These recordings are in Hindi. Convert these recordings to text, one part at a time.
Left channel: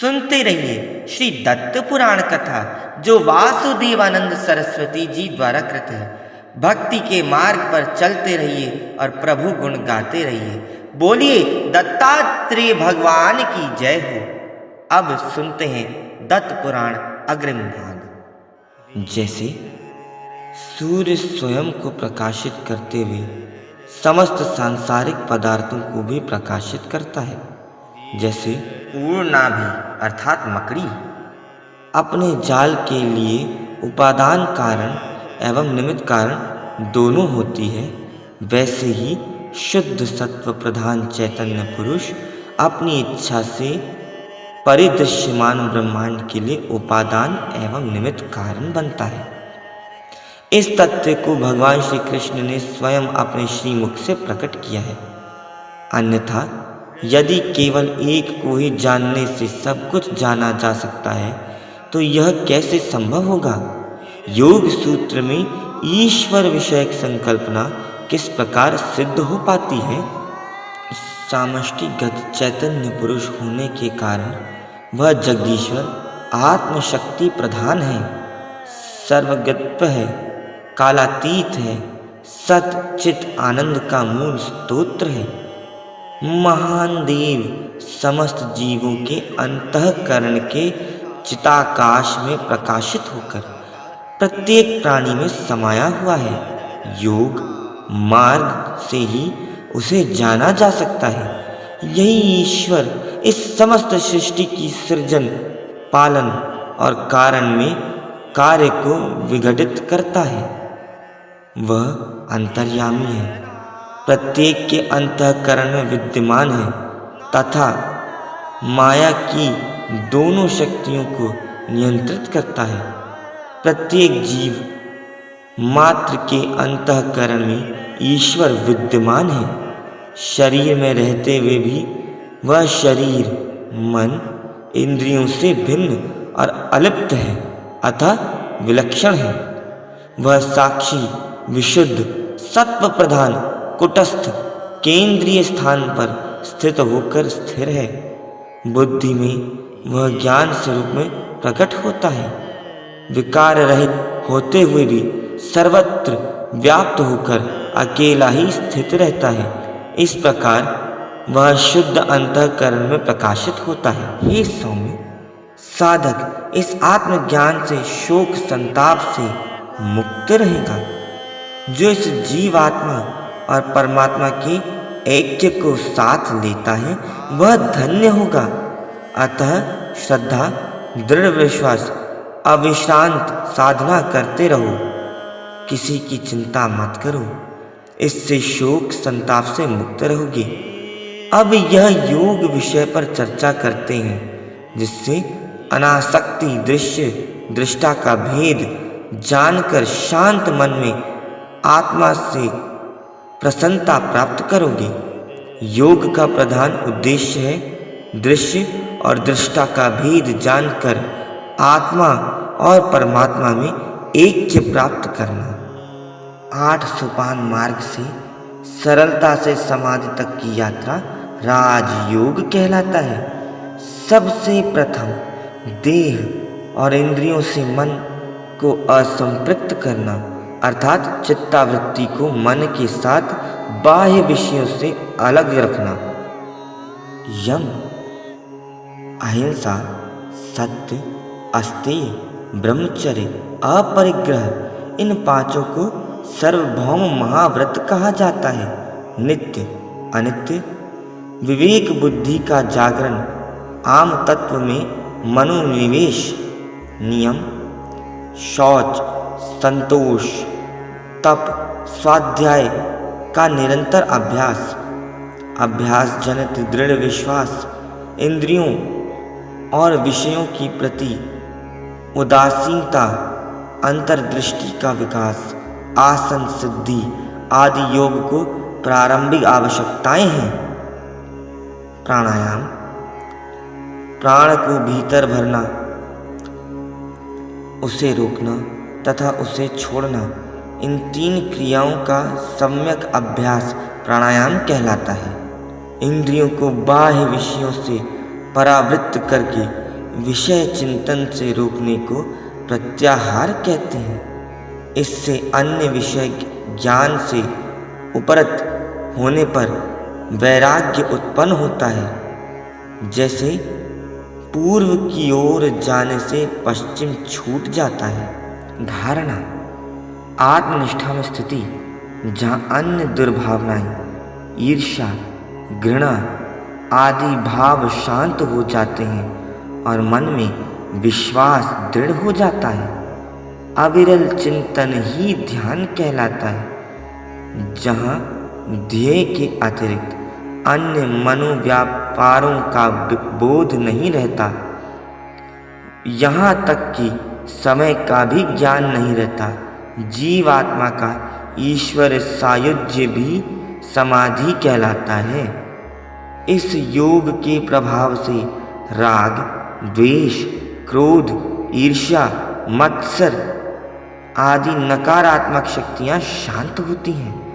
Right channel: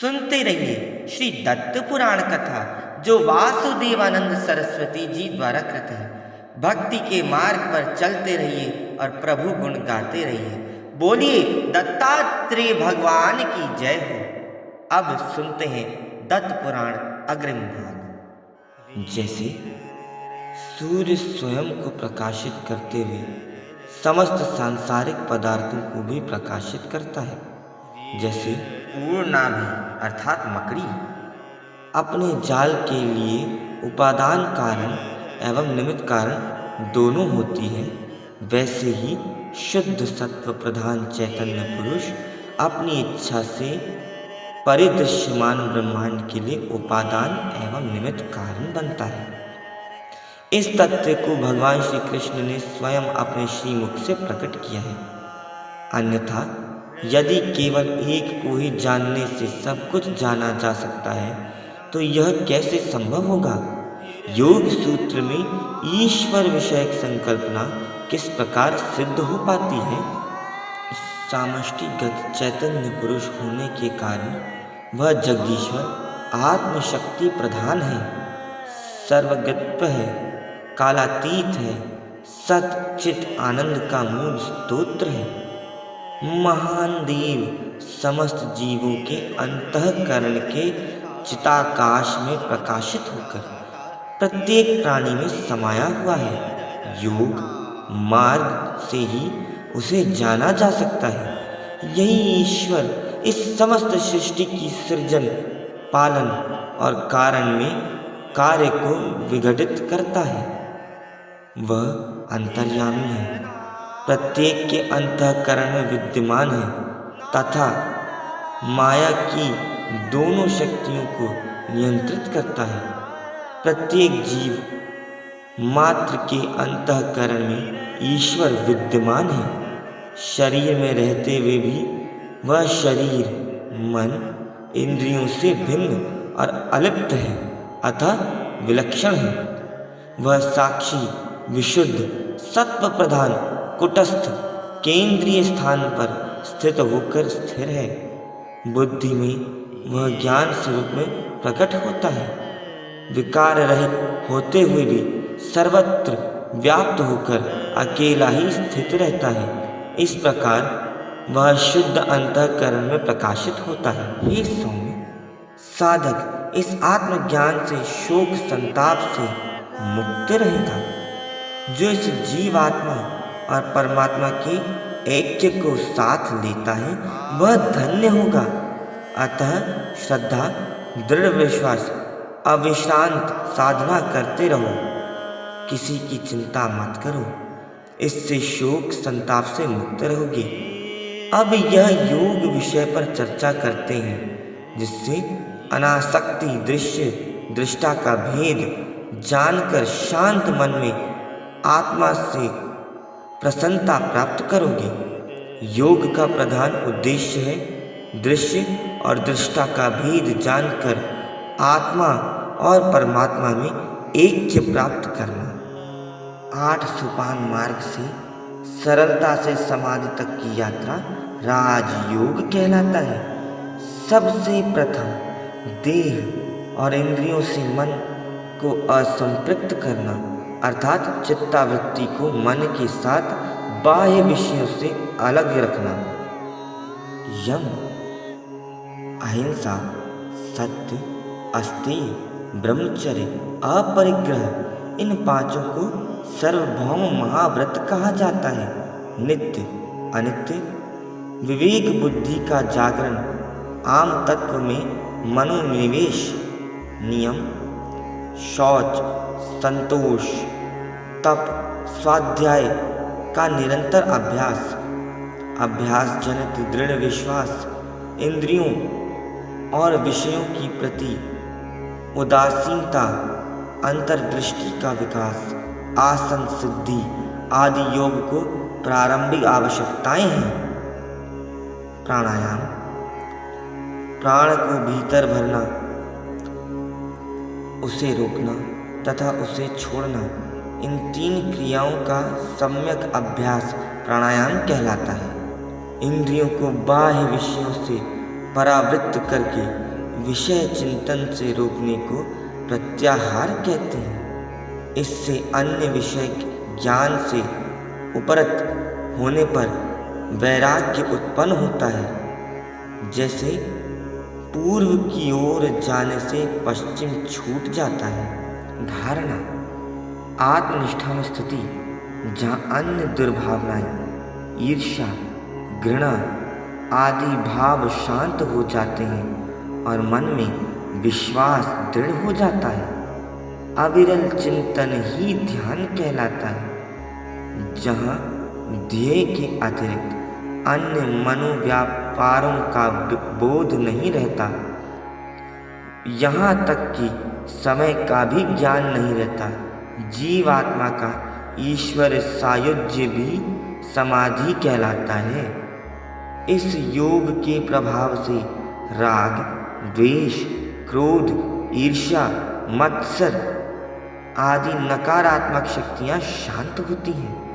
सुनते रहिए श्री दत्त पुराण कथा, जो वासुदेवानंद सरस्वती जी द्वारा कृत है। भक्ति के मार्ग पर चलते रहिए और प्रभु गुण गाते रहिए। बोलिए दत्तात्रेय भगवान की जय हो। अब सुनते हैं दत्त पुराण अग्रिम भाग। जैसे सूर्य स्वयं को प्रकाशित करते हुए समस्त सांसारिक पदार्थों को भी प्रकाशित करता है, जैसे पूर्णाभि अर्थात मकड़ी अपने जाल के लिए उपादान कारण एवं निमित्त कारण दोनों होती है, वैसे ही शुद्ध सत्व प्रधान चैतन्य पुरुष अपनी इच्छा से परिदृश्यमान ब्रह्मांड के लिए उपादान एवं निमित्त कारण बनता है। इस तथ्य को भगवान श्री कृष्ण ने स्वयं अपने श्रीमुख से प्रकट किया है। अन्यथा यदि केवल एक को ही जानने से सब कुछ जाना जा सकता है तो यह कैसे संभव होगा। योग सूत्र में ईश्वर विषयक संकल्पना किस प्रकार सिद्ध हो पाती है। सामष्टिगत चैतन्य पुरुष होने के कारण वह जगदीश्वर आत्मशक्ति प्रधान है, सर्वगत्व है, कालातीत है, सत चित आनंद का मूल स्तोत्र है। महान देव समस्त जीवों के अंतःकरण के चिताकाश में प्रकाशित होकर प्रत्येक प्राणी में समाया हुआ है। योग मार्ग से ही उसे जाना जा सकता है। यही ईश्वर इस समस्त सृष्टि की सृजन, पालन और कारण में कार्य को विघटित करता है। वह अंतर्यामी है, प्रत्येक के अंतःकरण में विद्यमान है तथा माया की दोनों शक्तियों को नियंत्रित करता है। प्रत्येक जीव मात्र के अंतःकरण में ईश्वर विद्यमान है। शरीर में रहते हुए भी वह शरीर, मन, इंद्रियों से भिन्न और अलिप्त है, अतः विलक्षण है। वह साक्षी, विशुद्ध, सत्व प्रधान, कुटस्थ, केंद्रीय स्थान पर स्थित होकर स्थिर है। बुद्धि में वह ज्ञान स्वरूप में प्रकट होता है। विकार रहित होते हुए भी सर्वत्र व्याप्त होकर अकेला ही स्थित रहता है। इस प्रकार वह शुद्ध अंतःकरण में प्रकाशित होता है। हे सौम्य, साधक इस आत्मज्ञान से शोक संताप से मुक्त रहेगा। जो इस जीवात्मा और परमात्मा के ऐक्य को साथ लेता है वह धन्य होगा। अतः श्रद्धा, दृढ़ विश्वास, अविश्रांत साधना करते रहो। किसी की चिंता मत करो, इससे शोक संताप से मुक्त रहोगे। अब यह योग विषय पर चर्चा करते हैं, जिससे अनासक्ति दृश्य दृष्टा का भेद जानकर शांत मन में आत्मा से प्रसन्नता प्राप्त करोगे। योग का प्रधान उद्देश्य है दृश्य और दृष्टा का भेद जानकर आत्मा और परमात्मा में ऐक्य प्राप्त करना। 8 सोपान मार्ग से सरलता से समाधि तक की यात्रा राजयोग कहलाता है। सबसे प्रथम देह और इंद्रियों से मन को असंपृक्त करना, अर्थात चित्तावृत्ति को मन के साथ बाह्य विषयों से अलग रखना। यम, अहिंसा, सत्य, अस्तेय, ब्रह्मचर्य, अपरिग्रह, इन पांचों को सार्वभौम महाव्रत कहा जाता है। नित्य, अनित्य, विवेक बुद्धि का जागरण, आम तत्व में मनोनिवेश, नियम, शौच, संतोष, तप, स्वाध्याय का निरंतर अभ्यास, अभ्यास जनित दृढ़ विश्वास, इंद्रियों और विषयों की प्रति उदासीनता, अंतर्दृष्टि का विकास, आसन सिद्धि आदि योग को प्रारंभिक आवश्यकताएं हैं। प्राणायाम, प्राण को भीतर भरना, उसे रोकना तथा उसे छोड़ना, इन 3 क्रियाओं का सम्यक अभ्यास प्राणायाम कहलाता है। इंद्रियों को बाह्य विषयों से परावृत्त करके विषय चिंतन से रोकने को प्रत्याहार कहते हैं। इससे अन्य विषय ज्ञान से उपरत होने पर वैराग्य उत्पन्न होता है। जैसे पूर्व की ओर जाने से पश्चिम छूट जाता है। धारणा: आत्मनिष्ठा में स्थिति जहाँ अन्य दुर्भावनाएं, ईर्ष्या, घृणा आदि भाव शांत हो जाते हैं और मन में विश्वास दृढ़ हो जाता है। अविरल चिंतन ही ध्यान कहलाता है, जहाँ ध्येय के अतिरिक्त अन्य मनोव्यापारों का बोध नहीं रहता। यहाँ तक कि समय का भी ज्ञान नहीं रहता। जीवात्मा का ईश्वर सायुज्य भी समाधि कहलाता है। इस योग के प्रभाव से राग, द्वेष, क्रोध, ईर्ष्या, मत्सर आदि नकारात्मक शक्तियां शांत होती हैं।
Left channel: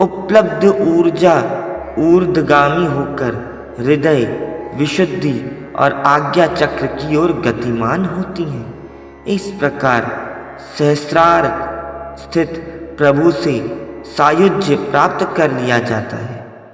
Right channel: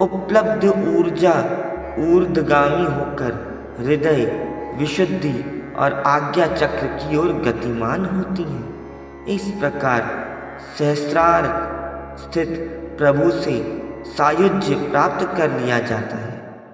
उपलब्ध ऊर्जा ऊर्ध्वगामी होकर हृदय, विशुद्धि और आज्ञा चक्र की ओर गतिमान होती है। इस प्रकार सहस्रार स्थित प्रभु से सायुज्य प्राप्त कर लिया जाता है।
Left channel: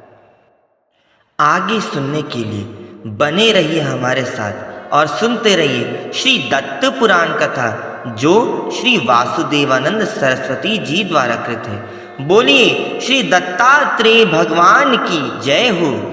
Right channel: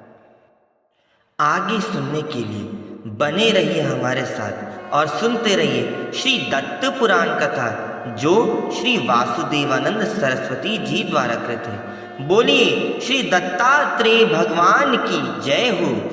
आगे सुनने के लिए बने रहिए हमारे साथ और सुनते रहिए श्री दत्त पुराण कथा, जो श्री वासुदेवानंद सरस्वती जी द्वारा कृत है। बोलिए श्री दत्तात्रेय भगवान की जय हो।